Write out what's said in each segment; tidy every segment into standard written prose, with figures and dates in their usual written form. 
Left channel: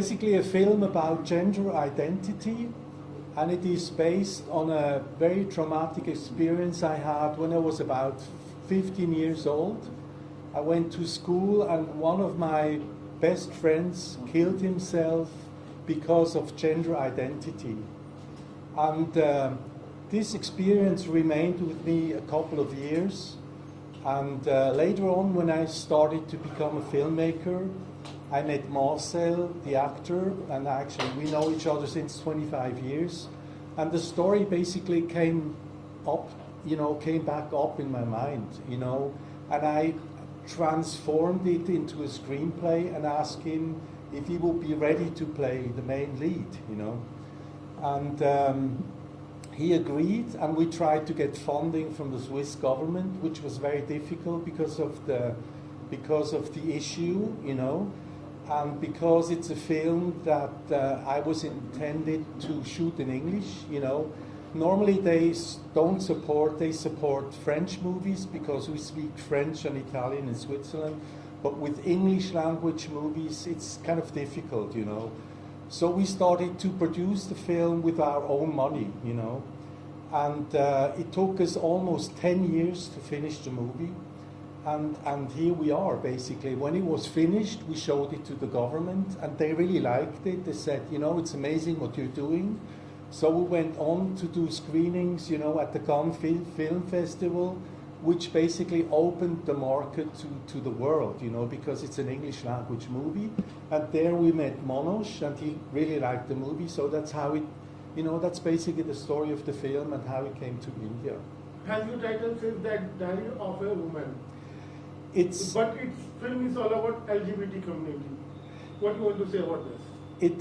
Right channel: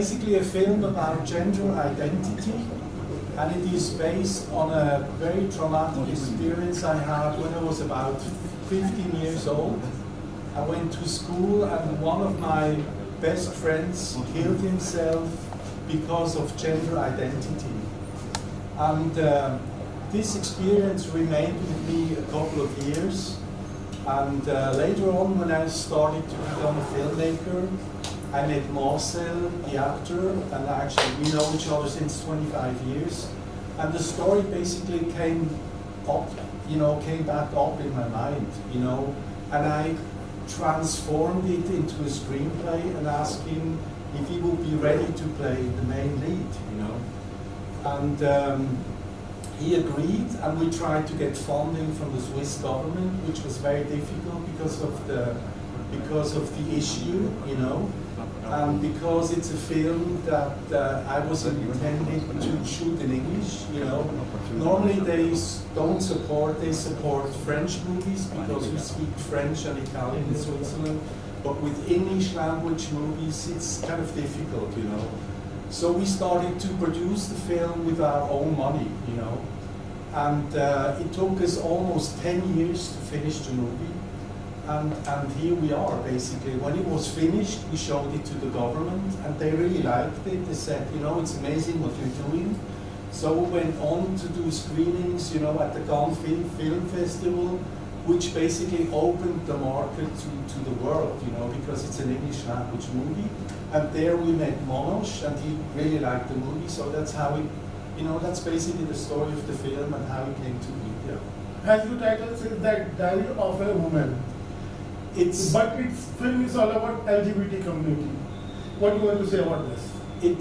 basically a film about gender identity, and it is based on a very traumatic experience I had when I was about 15 years old. I went to school and one of my best friends killed himself because of gender identity. And this experience remained with me a couple of years. And later on, when I started to become a filmmaker, I met Marcel, the actor, and actually we know each other since 25 years. And the story basically came up, came back up in my mind, and I transformed it into a screenplay and asked him if he would be ready to play the main lead, And he agreed, and we tried to get funding from the Swiss government, which was very difficult because of the issue, and because it's a film that I was intended to shoot in English, Normally they don't support, they support French movies because we speak French and Italian in Switzerland, but with English language movies it's kind of difficult, So we started to produce the film with our own money, and it took us almost 10 years to finish the movie. And here we are, basically. When it was finished, we showed it to the government, and they really liked it. They said, it's amazing what you're doing. So we went on to do screenings, at the Cannes Film Festival, which basically opened the market to the world, because it's an English language movie. And there we met Monosh, and he really liked the movie. So that's how it, that's basically the story of the film and how it came to be. Yeah. As your title says, that Diary of a Woman. But its film is all about LGBT community. What do you want to say about this? It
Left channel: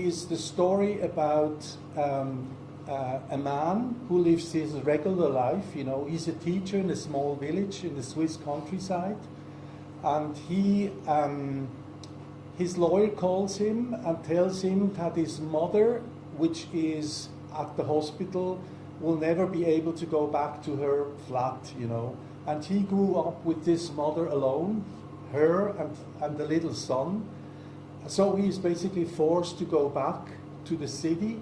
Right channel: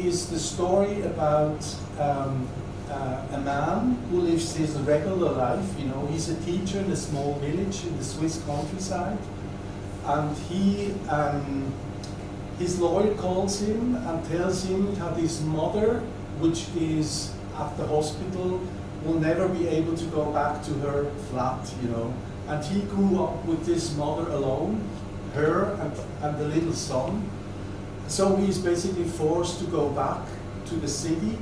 is the story about a man who lives his regular life. He's a teacher in a small village in the Swiss countryside, and his lawyer calls him and tells him that his mother, which is at the hospital, will never be able to go back to her flat. And he grew up with this mother alone, her and the little son. So he's basically forced to go back to the city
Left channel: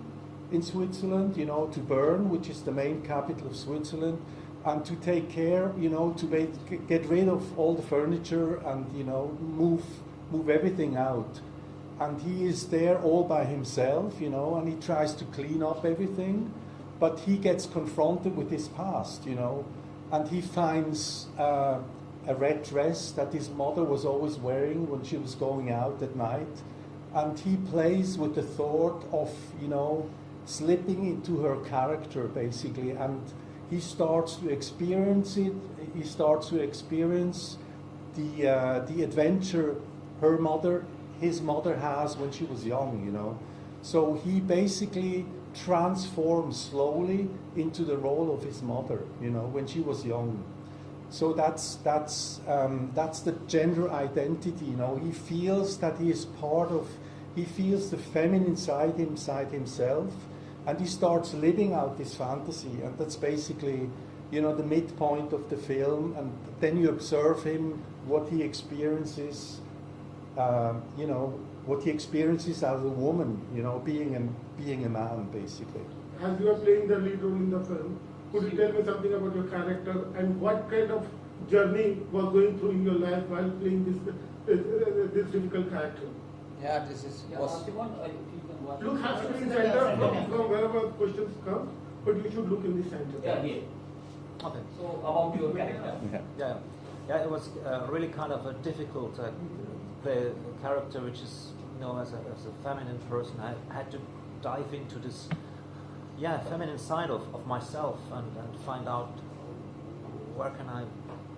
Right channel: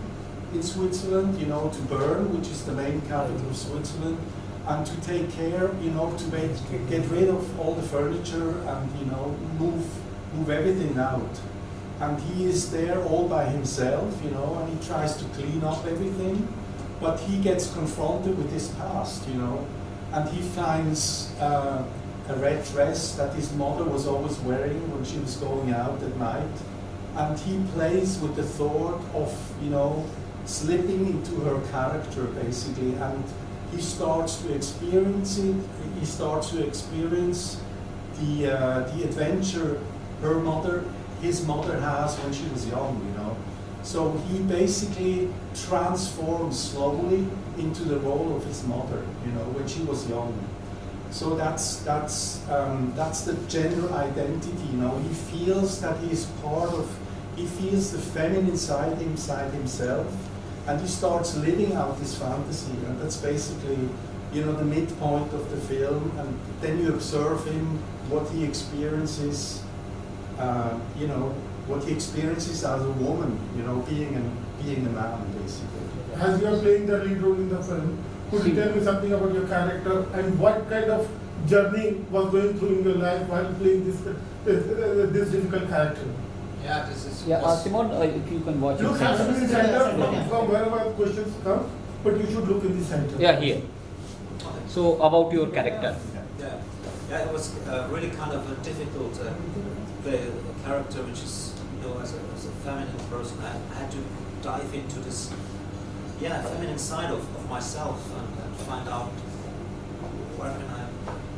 in Switzerland, to Bern, which is the main capital of Switzerland, and to take care, to get rid of all the furniture and, move everything out. And he is there all by himself, and he tries to clean up everything, but he gets confronted with his past, and he finds a red dress that his mother was always wearing when she was going out at night. And he plays with the thought of, slipping into her character, basically. And he starts to experience it. He starts to experience the adventure his mother has when she was young, So he basically transforms slowly into the role of his mother, when she was young. So that's the gender identity. He feels that he is he feels the feminine side inside himself, and he starts living out this fantasy, and that's basically, the midpoint of the film. And then you observe him, what he experiences, what he experiences as a woman, being a man, basically. As you are playing the lead role in the film, could you tell me something about your character and what kind of journey was going through in your life while playing this difficult character? Yeah, this is. Yeah, Simon, if you can watch. Look at the center from wherever questions come, but you should look in the center. Yeah, here. Okay. So about your character. Yeah, it was really kind of difficult to play a character which is, as a feminine person. I had to dive into this, feminine side of myself and find out where can I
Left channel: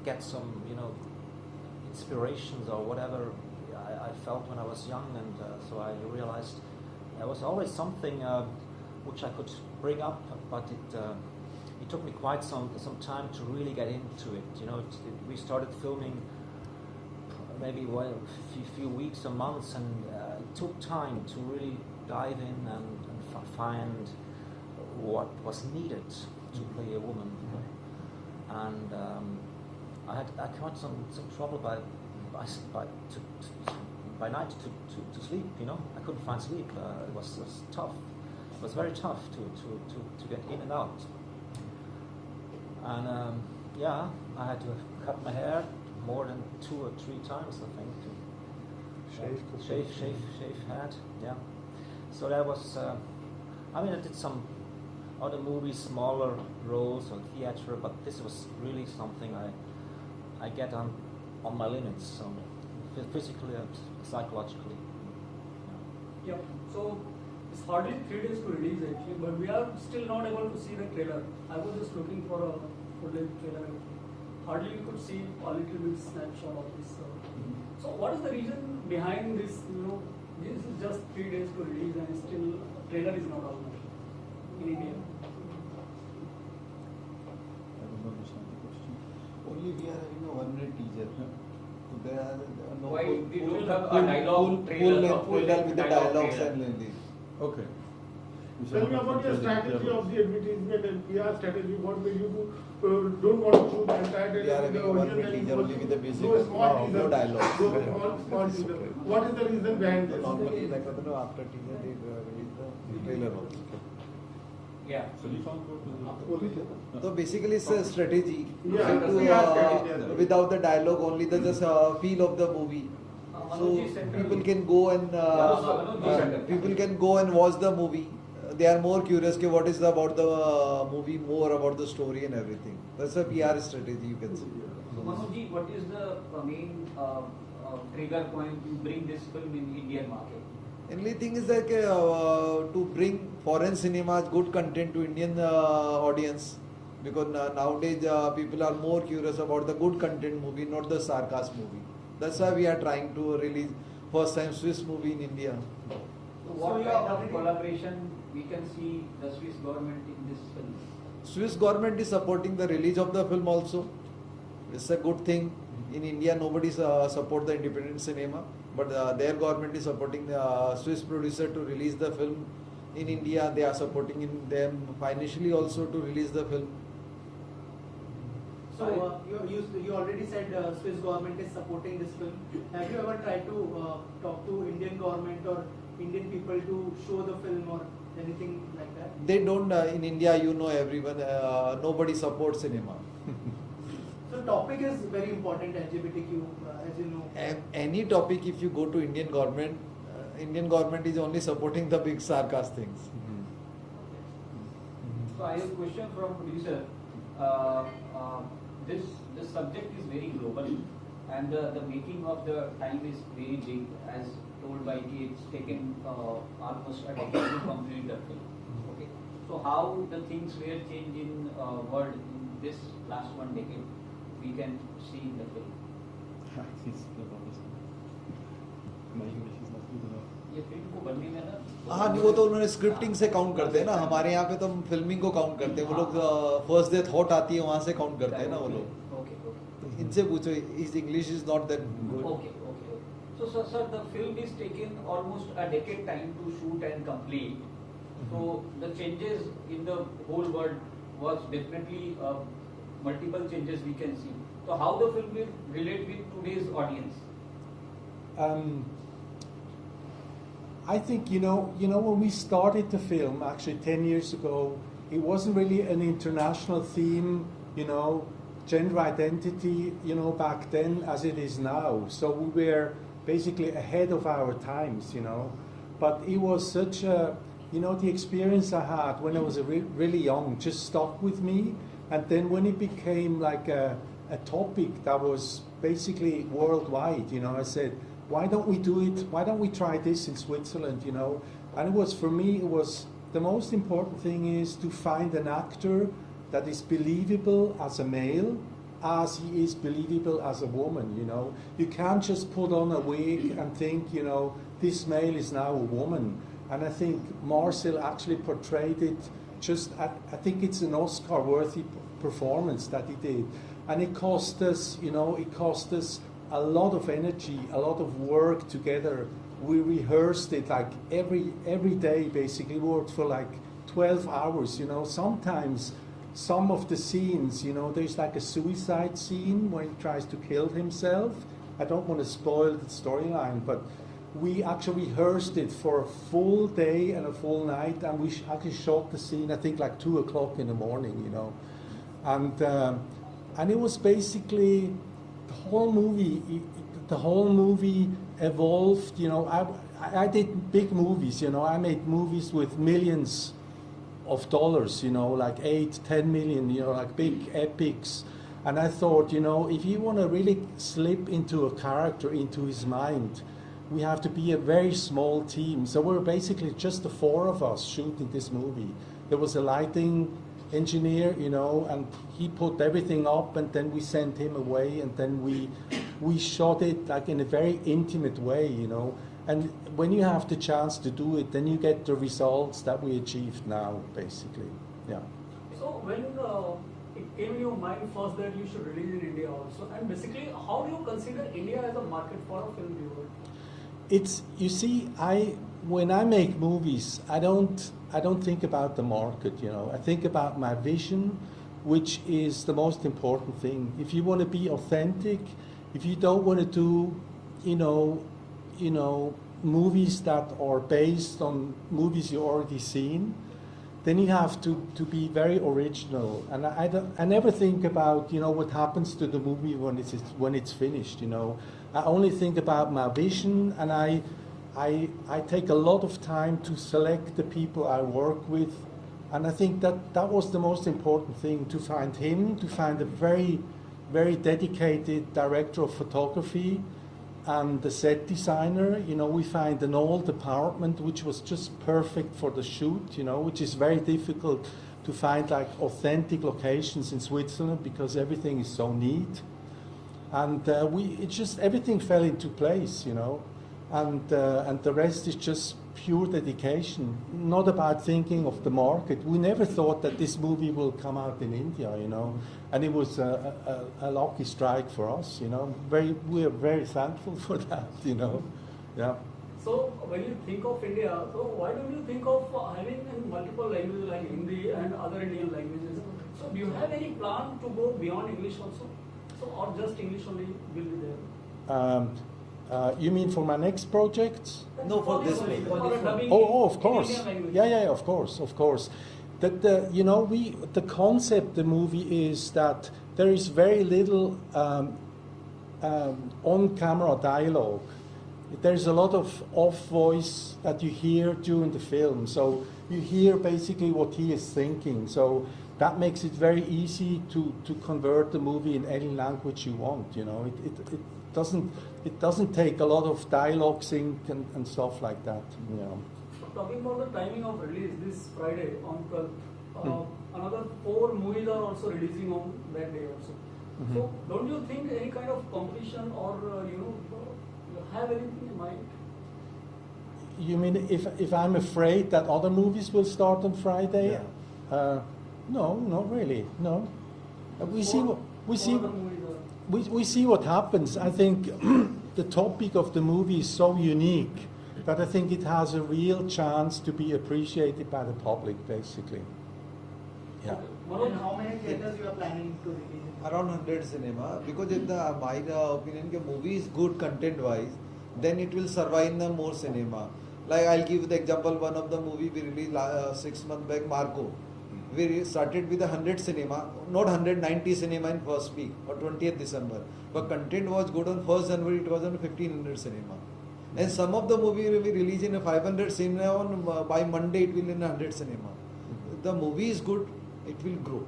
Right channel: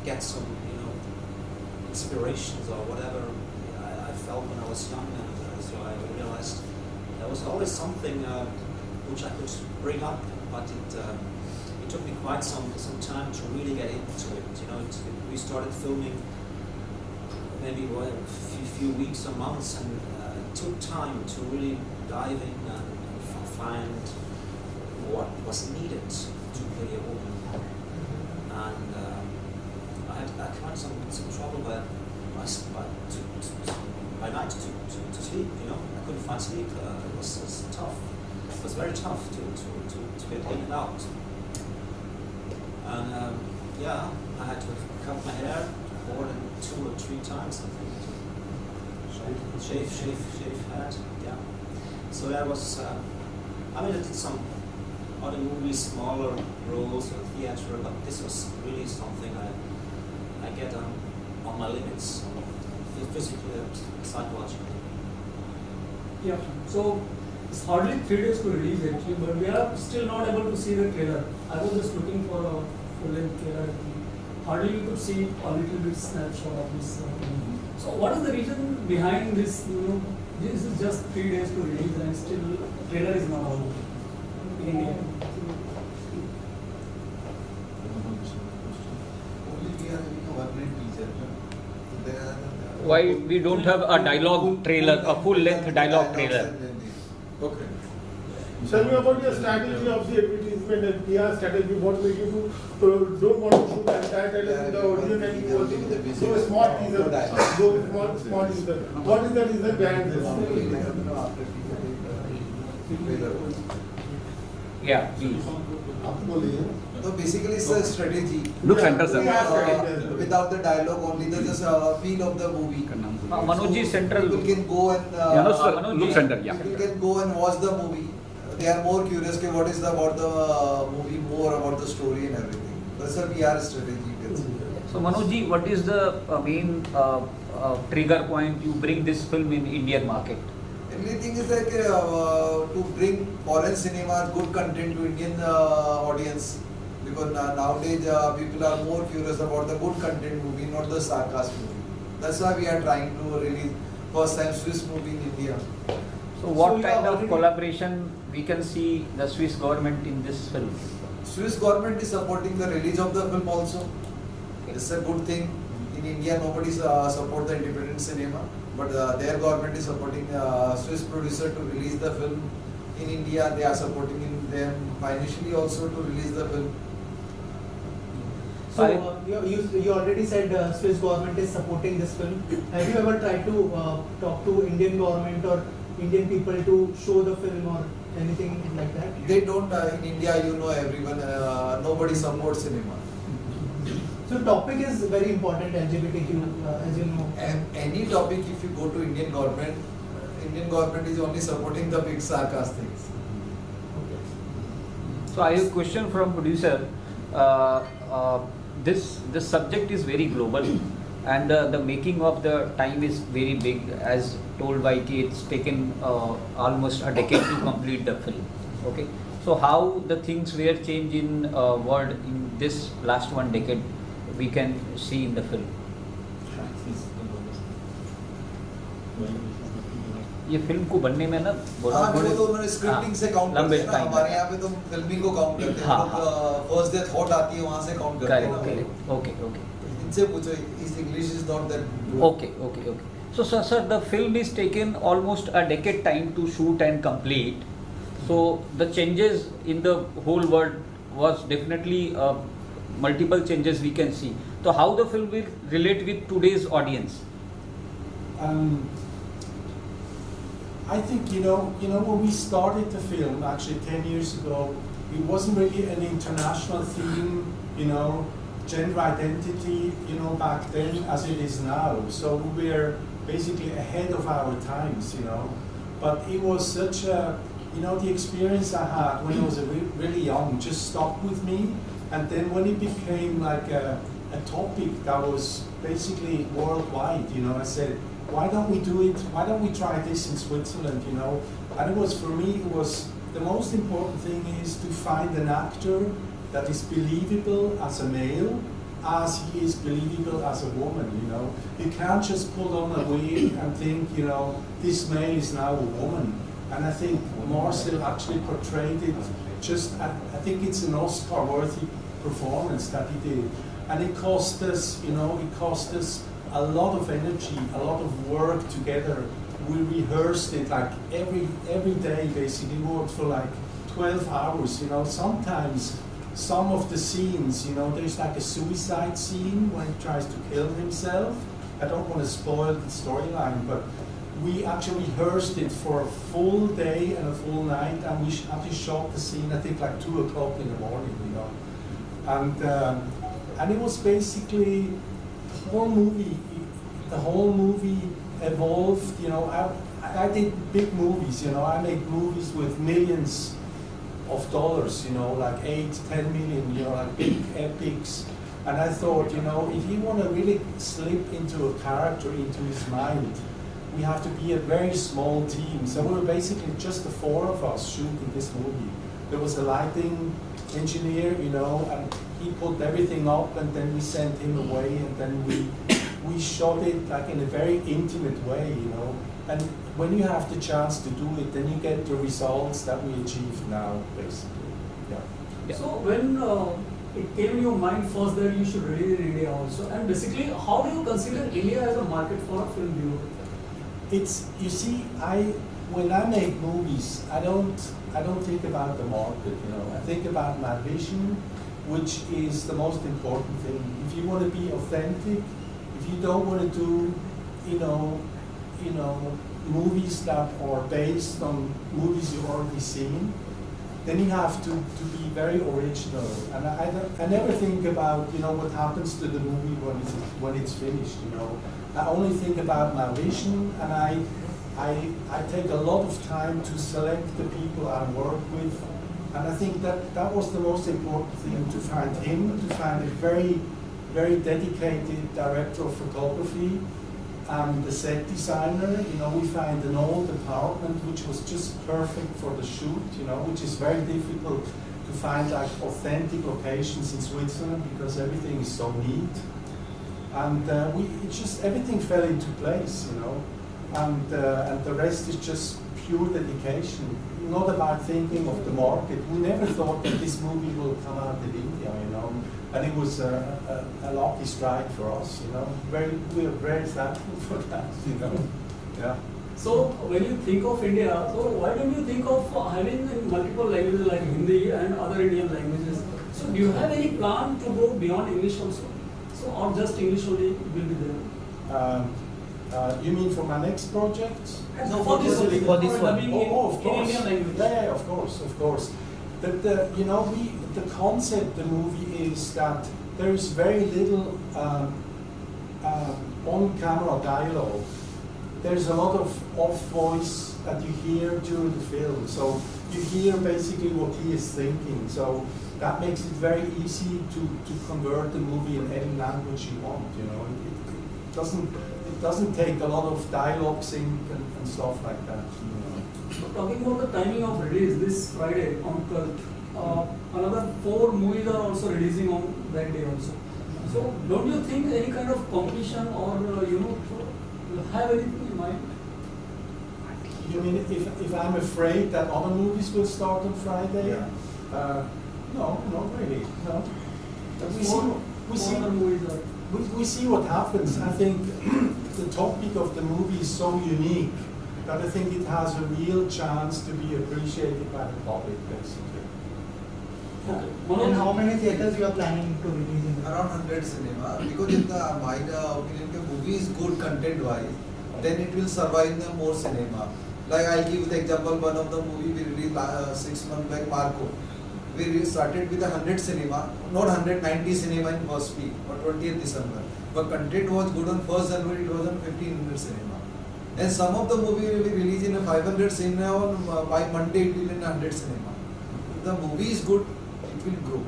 get some, inspirations or whatever I felt when I was young, and so I realized there was always something which I could bring up, but it took me quite some time to really get into it. We started filming maybe a few weeks or months, and it took time to really dive in and find what was needed to play a woman. And I had some trouble to by night to sleep. You know, I couldn't find sleep. It was tough. It was very tough to get in and out. And yeah, I had to cut my hair more than 2 or 3 times, I think. Shave head. Yeah. So that was. I mean, I did some other movies, smaller roles or theatre, but this was really something I get on my limits, physically and psychologically. Yeah. So it's hardly 3 days to release actually, but we are still not able to see the trailer. I was just looking for a full-length trailer. Hardly we could see a little bit snapshot of this. So what is the reason behind this? You know, this is just 3 days to release and still trailer is not out in India. Only we are having a 1 minute teaser. So there are Why we don't have a dialogue trailer, a full-length dialogue trailer? Okay. Tell me about your strategy of the advertisement and PR strategy. What made you don't want to shoot the entire trailer with the audio and you want to do a small teaser? Do a small teaser. What is the reason behind this? Yeah, please. So basically it's a strategy. Look, center, Without the dialogue, only the just feel of the movie. Manoj is central. People can go and Look center, yeah. people can go and watch the movie. They are more curious. Okay, what is about the movie, more about the story and everything. That's a PR strategy. You can say. So Manoj ji, what is the main trigger point you bring this film in Indian market? Only thing is like to bring foreign cinema good content to Indian audience, because nowadays people are more curious about the good content movie, not the sarcasm movie. That's why we are trying to release first time Swiss movie in India. So what kind of collaboration we can see the Swiss government in this film? Swiss government is supporting the release of the film also. It's a good thing. In India, nobody support the independent cinema, but their government is supporting Swiss producer to release the film. In India, they are supporting them financially also to release the film. So you already said Swiss government is supporting this film. Have you ever tried to talk to Indian government or Indian people to show the film or anything like that? They don't, in India, you know, everyone, nobody supports cinema. So topic is very important, LGBTQ, as you know. Any topic, if you go to Indian government is only supporting the big sarcastic things. Okay. So I have a question from producer. This subject is very global, and the making of the time is very big. As told by T, it's taken almost a decade to complete the film. Okay. So how the things were changed in world in this last 1 decade, we can see in the film. ये film को बनने में ना हाँ, वो तो उन्होंने scripting से काउंट करते हैं ना, हमारे यहाँ पे तो फिल्मिंग को काउंट करते हैं, फर्स्ट डे थॉट आती है वहाँ से काउंट करते हैं। Okay. इनसे पूछो, इस English is not that good. Okay. So sir, the film is taken almost a decade time to shoot and complete. So the changes in the whole world was definitely multiple changes we can see. So how the film will relate with today's audience? I think you know when we started the film actually 10 years ago, it wasn't really an international theme, gender identity, back then as it is now. So we were basically ahead of our times, But it was such a, the experience I had when I was really young just stuck with me. And then when it became like a topic that was basically worldwide, I said, why don't we do it? Why don't we try this in Switzerland, And it was, for me, the most important thing is to find an actor that is believable as a male, as he is believable as a woman, You can't just put on a wig and think, this male is now a woman. And I think Marcel actually portrayed it I think it's an Oscar-worthy performance that he did. And it cost us, a lot of energy, a lot of work together. We rehearsed it like every day, basically worked for like 12 hours, Sometimes some of the scenes, there's like a suicide scene when he tries to kill himself. I don't want to spoil the storyline, but we actually rehearsed it for a full day and a full night, and we actually shot the scene, I think, like 2 o'clock in the morning, you know. And it was basically the whole movie evolved, you know. I did big movies, you know. I made movies with millions of dollars, you know, like 8-10 million, you know, like big epics. And I thought, you know, if you want to really slip into a character, into his mind, we have to be a very small team. So we were basically just the 4 of us shooting this movie. There was a lighting engineer, you know, and he put everything up, and then we sent him away, and then we shot it like in a very intimate way, you know. And when you have the chance to do it, then you get the results that we achieved now, basically. Yeah. So when it came in your mind first that you should release in India also, and basically how do you consider India as a market for a film viewer? It's, you see, when I make movies, I don't think about the market, you know. I think about my vision, which is the most important thing. If you want to be authentic, if you don't want to do, you know, movies that are based on movies you've already seen, then you have to be very original. And I never think about, you know, what happens to the movie when it's finished, you know. I only think about my vision, and I take a lot of time to select the people I work with. And I think that was the most important thing, to find him, to find a very, very dedicated director of photography, and the set designer. You know, we find an old apartment which was just perfect for the shoot, you know, which is very difficult to find like authentic locations in Switzerland because everything is so neat. And it just, everything fell into place, you know, and the rest is just pure dedication, not about thinking of the market. We never thought that this movie will come out in India, you know, and it was a lucky strike for us, you know. We are very thankful for that, you know. Yeah. So when you think of India, so why don't you think of having multiple languages like Hindi and other Indian languages? So do you have any plan to go beyond English also? So, or just English only will be there? You mean for my next project? No, for this one. Oh, of course. Yeah, of course. You know, the concept of the movie is that there is very little on-camera dialogue. There's a lot of off voice that you hear during the film. So you hear basically what he is thinking. So that makes it very easy to convert the movie in any language you want. You know, it doesn't take a lot of dialogue sync and stuff like that. You know. So talking about the timing of release, this Friday on 12th, another 4 movies are also releasing on that day also. So don't you think any kind of competition or you know, have anything in mind? You mean if I'm afraid that other movies will start on Friday? Yeah. No, not really. No. We see what happens. I think the topic of the movie is so unique that I think it has a real chance to be appreciated by the public, basically. Okay. And how many theaters you are planning to release in? Around 100 cinema, because in my opinion, the movie is good content-wise, then it will survive in the more cinema. Like I'll give the example, one of the movie we released 6 months back, Marco. We started with 100 cinema, not 190 cinema in first week or 20th December. But content was good on 1st January, it was on 1500 cinema. And some of the movie will be released in a 500 cinema, by Monday it will be in 100 cinema. If the movie is good, it will grow.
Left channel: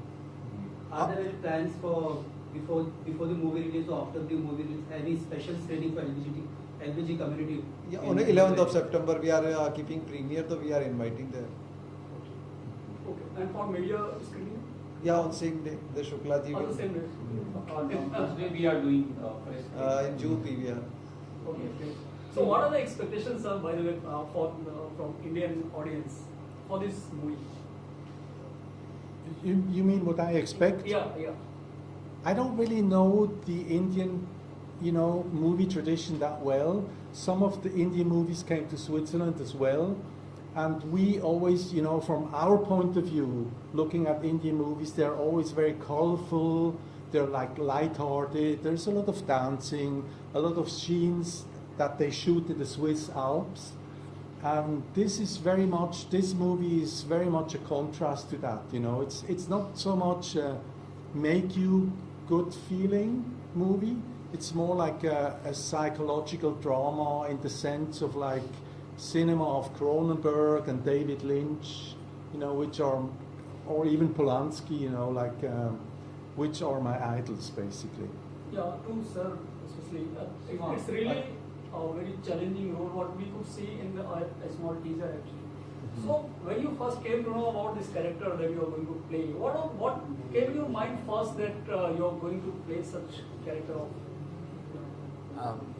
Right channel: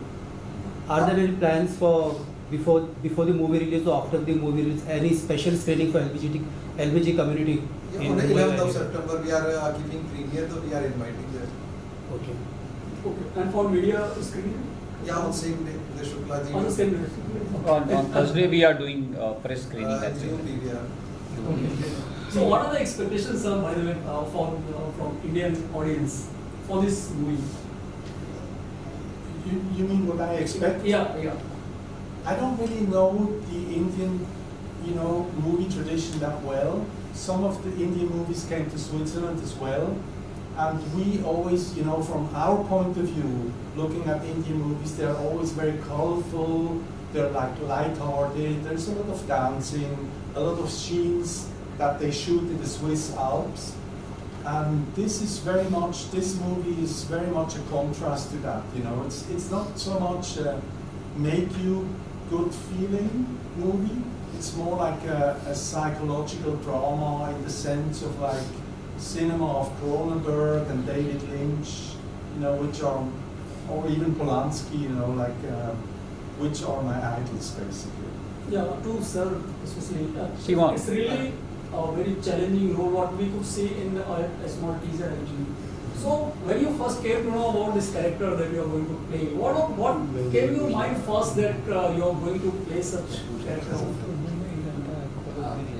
Are there any plans for before the movie release or after the movie release, any special screening for LBG community? Yeah, on the 11th of September we are keeping premiere, so we are inviting them. Okay. Okay. And for media screening? Yeah, on same day, the Shukla ji. On the same day. On Thursday we are doing press screening. as well. Okay. So what are the expectations, sir, by the way, from Indian audience for this movie? You mean what I expect? Yeah. I don't really know the Indian, you know, movie tradition that well. Some of the Indian movies came to Switzerland as well. And we always, you know, from our point of view, looking at Indian movies, they're always very colorful, they're like light-hearted, there's a lot of dancing, a lot of scenes that they shoot in the Swiss Alps. And this movie is very much a contrast to that. You know, it's not so much make you good feeling movie. It's more like a psychological drama in the sense of like cinema of Cronenberg and David Lynch, you know, which are, or even Polanski, you know, like which are my idols basically. Yeah, to Sir, especially, Shivam. it's really a very challenging role what we could see in a small teaser actually. So when you first came to know about this character that you are going to play, what came in your mind first that you are going to play such character?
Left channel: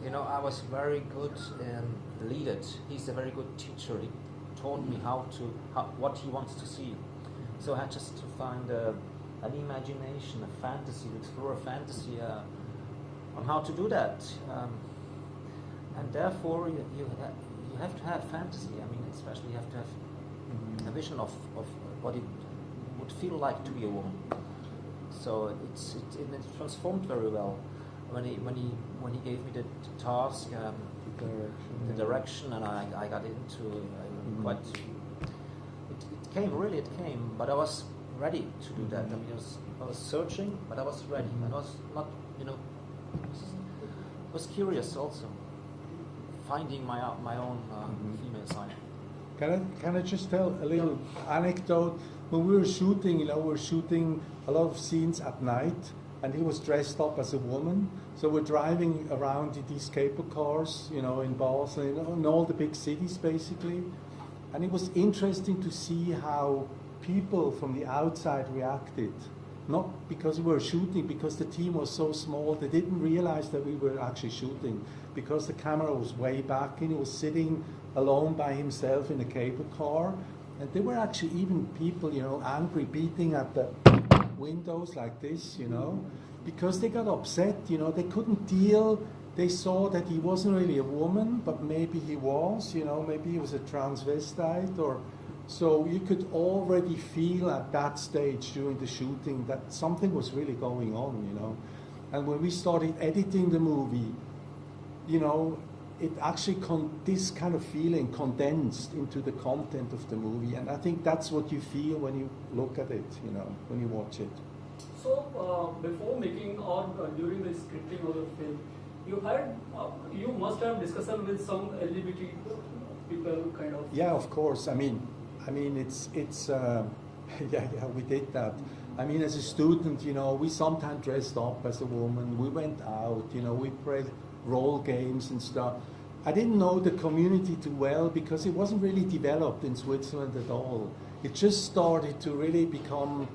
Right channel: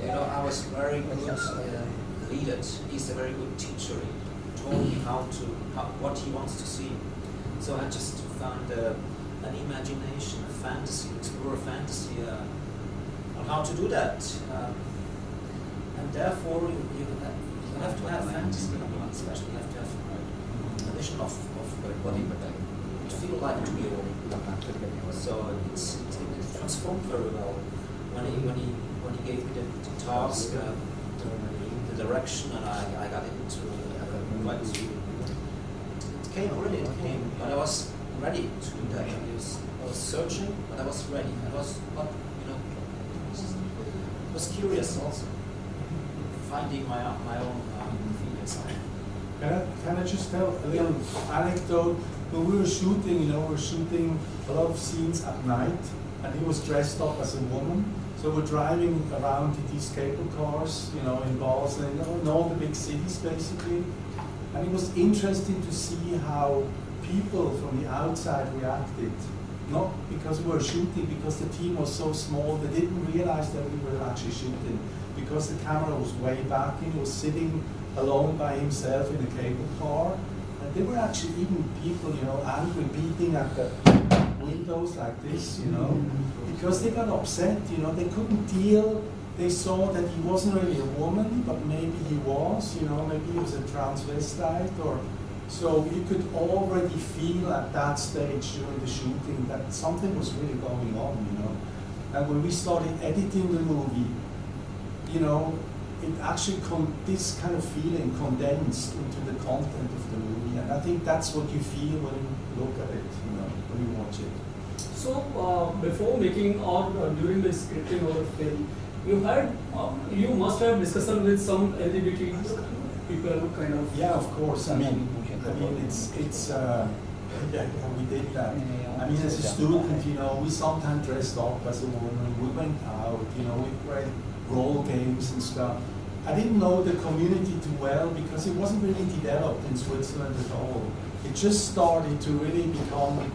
You know, I was very good lead it. He's a very good teacher. He told me what he wants to see. So I just found an imagination, a fantasy, explore a fantasy on how to do that. And therefore, you have to have fantasy, especially you have to have a vision of what it would feel like to be a woman. So it transformed very well when he gave me the task, the direction, and I got into quite. It came, but I was ready to do that. I was searching, but I was ready. I was not, you know, I was curious also, finding my own female side. Can I just tell a little anecdote? When we were shooting, you know, we were shooting a lot of scenes at night, and he was dressed up as a woman. So we're driving around in these cable cars, you know, in Basel, you know, in all the big cities basically. And it was interesting to see how people from the outside reacted. Not because we were shooting, because the team was so small, they didn't realize that we were actually shooting. Because the camera was way back and he was sitting alone by himself in a cable car. And there were actually even people, you know, angry, beating at the windows like this, you know, because they got upset, you know, they couldn't deal. They saw that he wasn't really a woman, but maybe he was, you know, maybe he was a transvestite, or so you could already feel at that stage during the shooting that something was really going on, you know. And when we started editing the movie, you know, it actually this kind of feeling condensed into the content of the movie, and I think that's what you feel when you look at it, you know, when you watch it. So before making or during the scripting of the film, you must have discussion with some LGBT people, kind of. Yeah, of course. I mean, it's yeah, we did that. I mean, as a student, you know, we sometimes dressed up as a woman. We went out, you know, we played role games and stuff. I didn't know the community too well because it wasn't really developed in Switzerland at all. It just started to really become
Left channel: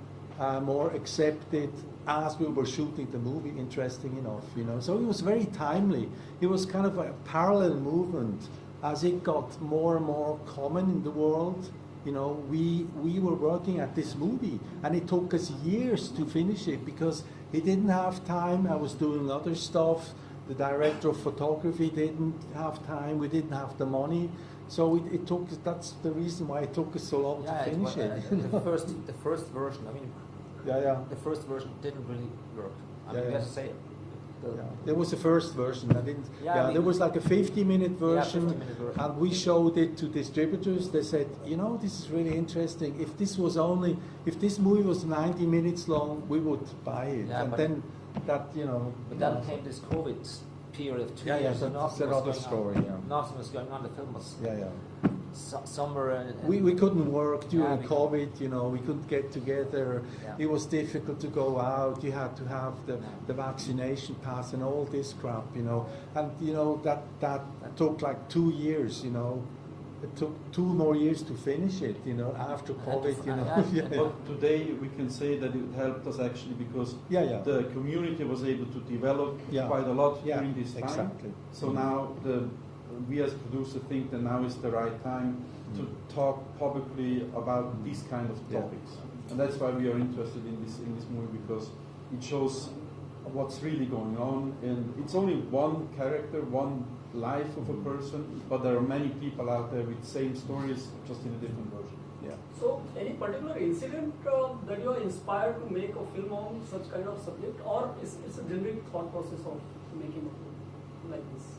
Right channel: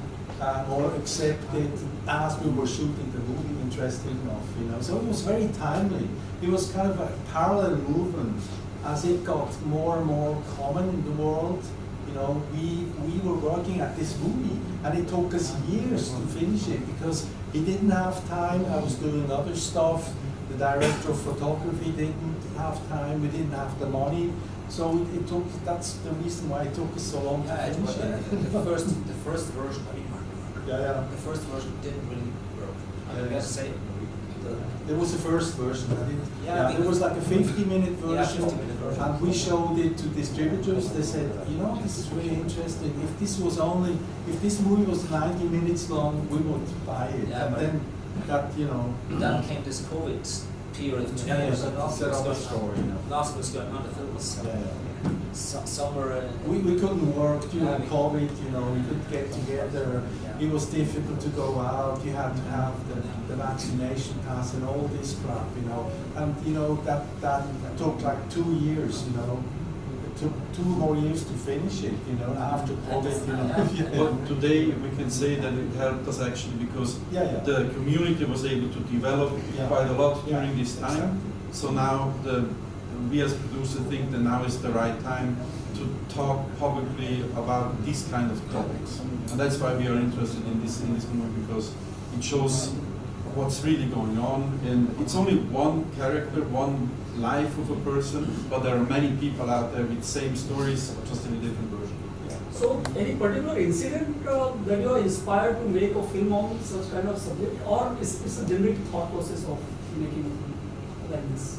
more accepted as we were shooting the movie, interesting enough, you know. So it was very timely. It was kind of a parallel movement as it got more and more common in the world. You know, we were working at this movie and it took us years to finish it because he didn't have time. I was doing other stuff. The director of photography didn't have time. We didn't have the money. So it took. That's the reason why it took us so long to finish it. The first version. I mean, the first version didn't really work. I guess say. There was a first version. I didn't. Yeah, there was like a 50-minute version, 50-minute version, and we showed it to distributors. They said, you know, this is really interesting. If this movie was 90 minutes long, we would buy it. Yeah, and then that, you know. Then came this COVID period of 2 years. That's another story. Last was going on. The film was somewhere. We couldn't work during COVID. You know, we couldn't get together. It was difficult to go out. You had to have the vaccination pass and all this crap. You know, and you know that took like 2 years. You know, it took 2 more years to finish it. You know, after COVID. You know. But today we can say that it helped us actually because the community was able to develop quite a lot during this time. Exactly. So now we as producers think that now is the right time to talk publicly about these kind of topics, and that's why we are interested in this movie because it shows what's really going on. And it's only one character, one life of a person, but there are many people out there with same stories, just in a different version. So, any particular incident that you are inspired to make a film on such kind of subject, or is a generic thought process of making a film like this?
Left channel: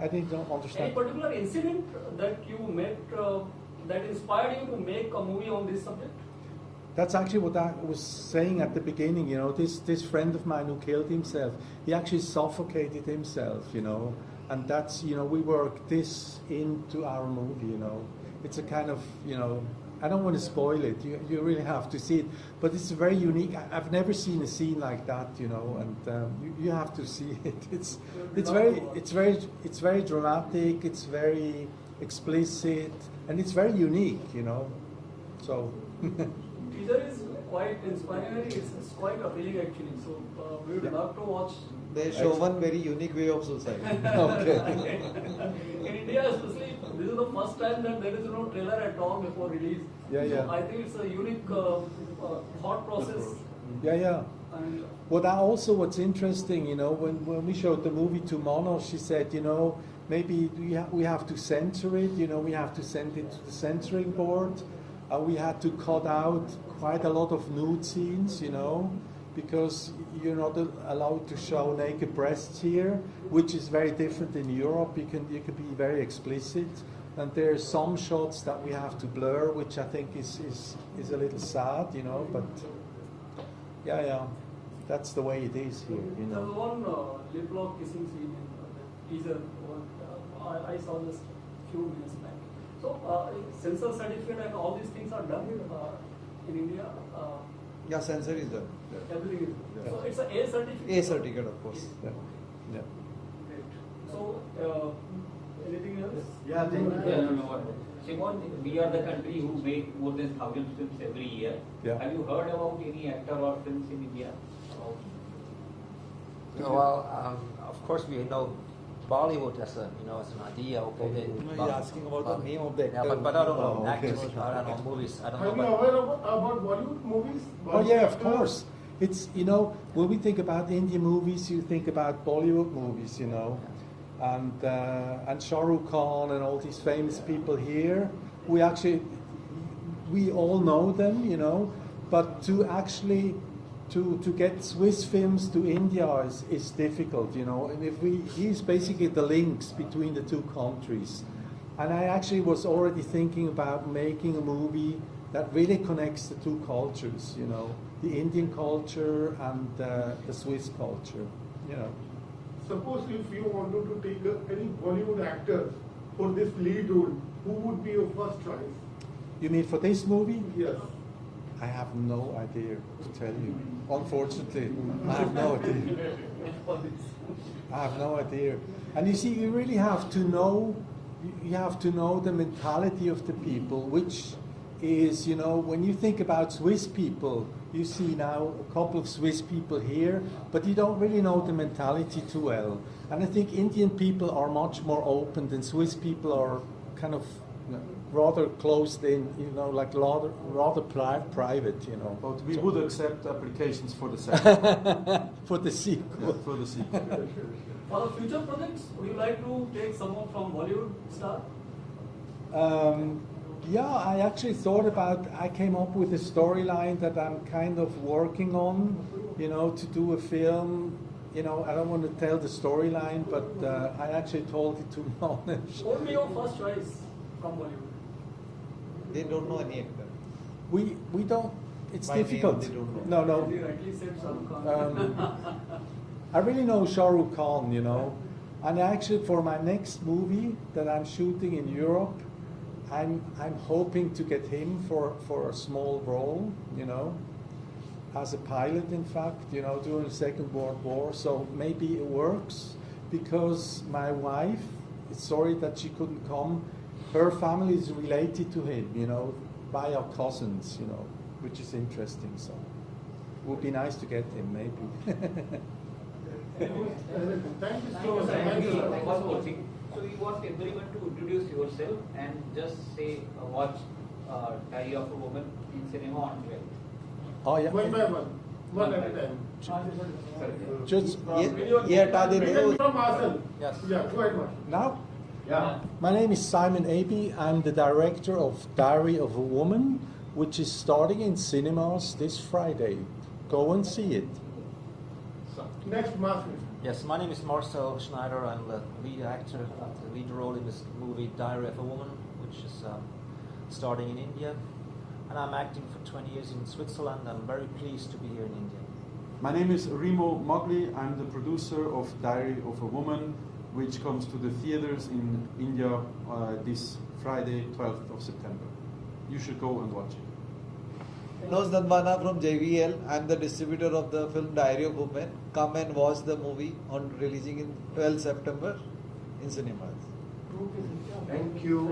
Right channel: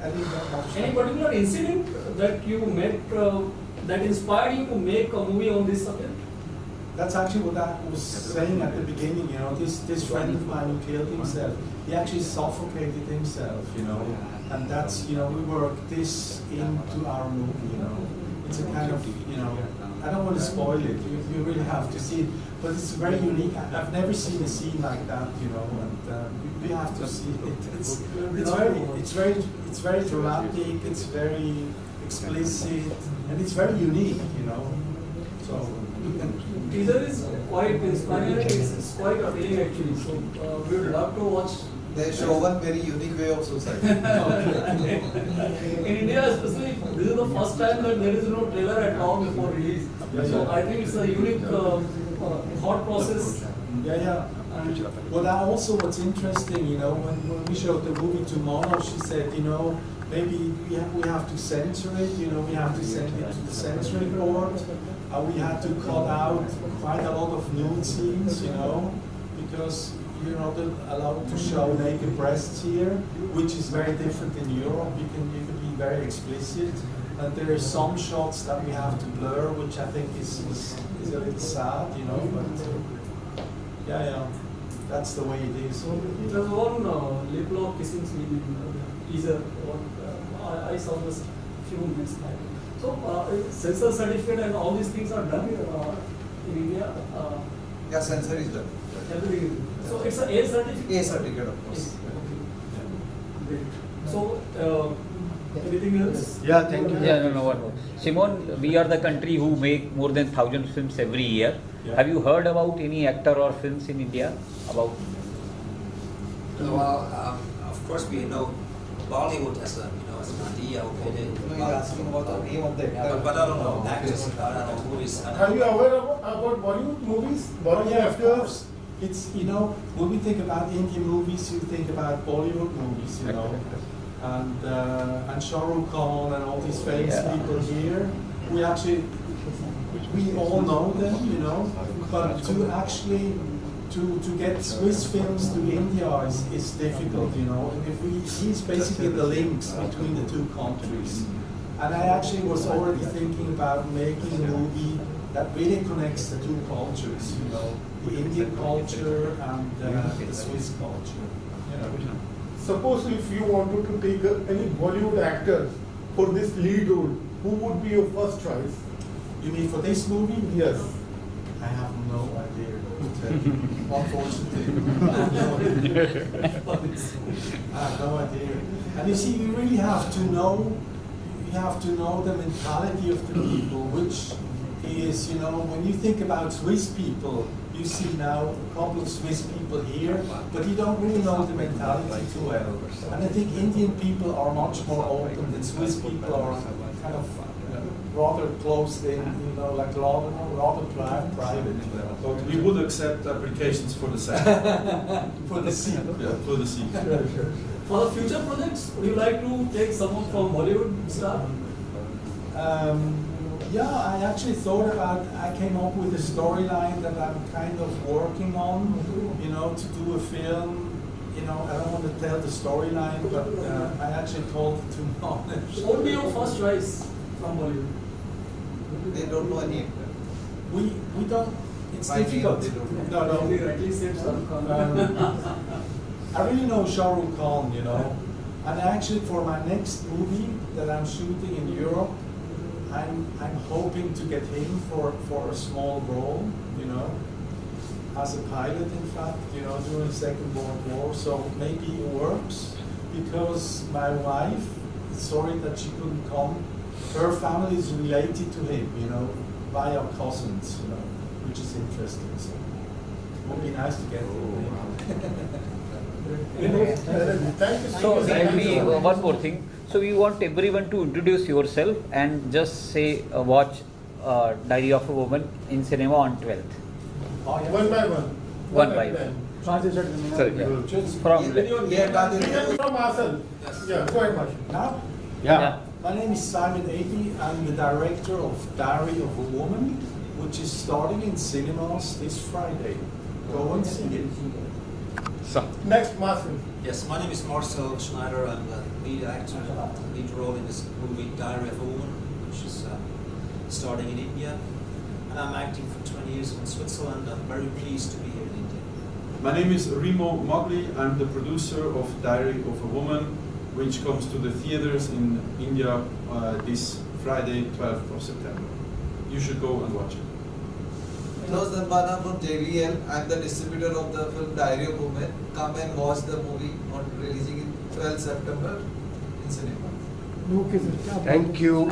I didn't Any understand. particular incident that you met that inspired you to make a movie on this subject? That's actually what I was saying at the beginning, you know, this friend of mine who killed himself, he actually suffocated himself, you know, and that's, you know, we worked this into our movie, you know. It's a kind of, you know, I don't want to spoil it, you really have to see it, but it's very unique. I've never seen a scene like that, you know, and you have to see it. It's very dramatic, it's very explicit, and it's very unique, you know, so. Teaser is quite inspiring, it's quite appealing actually, so we would love to watch. They show one very unique way of suicide. Okay. In India especially, this is the first time that there is no trailer at all before release. Yeah, So yeah. I think it's a unique thought process. Yeah, yeah. And What's interesting, you know, when we showed the movie to Mono, she said, you know, maybe we have to censor it, you know, we have to send it to the censoring board. We had to cut out quite a lot of nude scenes, you know, because you're not allowed to show naked breasts here, which is very different in Europe. You can be very explicit. And there are some shots that we have to blur, which I think is a little sad, you know, but yeah, that's the way it is. there's one lip lock kissing scene in the teaser. I saw this few minutes back. So censor certificate and all these things are done in India. Yeah, censor is done. Everything is done. So it's a A certificate. A certificate, of course. Great. So anything else? Yeah, thank you. Yeah, no what. Simon, we are the country who make more than 1,000 films every year. Yeah. Have you heard about any actor or films in India? About Well, of course we know Bollywood has an idea of what they do. No, he's asking about the name of the Yeah, actor. but I don't know actors, I don't know movies. I don't Are you know. aware about Bollywood movies? Oh yeah, of Bollywood course. It's, you know, when we think about Indian movies, you think about Bollywood movies, you know, and Shah Rukh Khan and all these famous people here. We all know them, you know, but to actually to get Swiss films to India is difficult, you know. And he's basically the links between the two countries. And I actually was already thinking about making a movie that really connects the two cultures, you know, the Indian culture and the Swiss culture. Yeah. Suppose if you wanted to take any Bollywood actor for this lead role, who would be your first choice? You mean for this movie? Yes. I have no idea. Unfortunately, I have no idea. I have no idea. And you see, you really have to know. You have to know the mentality of the people, which is, you know, when you think about Swiss people, you see now a couple of Swiss people here, but you don't really know the mentality too well. And I think Indian people are much more open than Swiss people are kind of rather closed in, you know, like rather private, you know. But we would accept applications for the second. For the sequel. Yeah, for the sequel. For the future projects, would you like to take someone from Bollywood star? Yeah, I actually thought about, I came up with a storyline that I'm kind of working on, you know, to do a film. You know, I don't want to tell the storyline, but I actually told it to Monash. What would be your first choice from Bollywood? They don't know any actor. We don't, it's By name, difficult. they don't No, know. You no. rightly said Shah Rukh Khan. I really know Shah Rukh Khan, you know. And actually for my next movie that I'm shooting in Europe, I'm hoping to get him for a small role, you know, as a pilot in fact, you know, during the Second World War. So maybe it works because my wife, sorry that she couldn't come, her family is related to him, you know, by our cousins, you know, which is interesting. So it would be nice to get him maybe. Thank you so. much. And we one more thing. So we want everyone to introduce yourself and just say watch Diary of a Woman in cinema on 12th. Oh, yeah. One by one. One at by a time. Sorry, Just from You can be from ourselves. Yes. Yeah, go ahead, Marshall. now? Yeah. My name is Simon Aby. I'm the director of Diary of a Woman, which is starting in cinemas this Friday. Go and see it. Next, Marshall. Yes, my name is Marcel Schneider. I'm the lead actor, the lead role in this movie Diary of a Woman, which is starting in India. And I'm acting for 20 years in Switzerland. I'm very pleased to be here in India. My name is Remo Mogli. I'm the producer of Diary of a Woman, which comes to the theaters in India this Friday, 12th of September. You should go and watch it. Manoj Dhanbana from JVL. I am the distributor of the film Diary of Women. Come and watch the movie on releasing in 12 September in cinema. Thank you.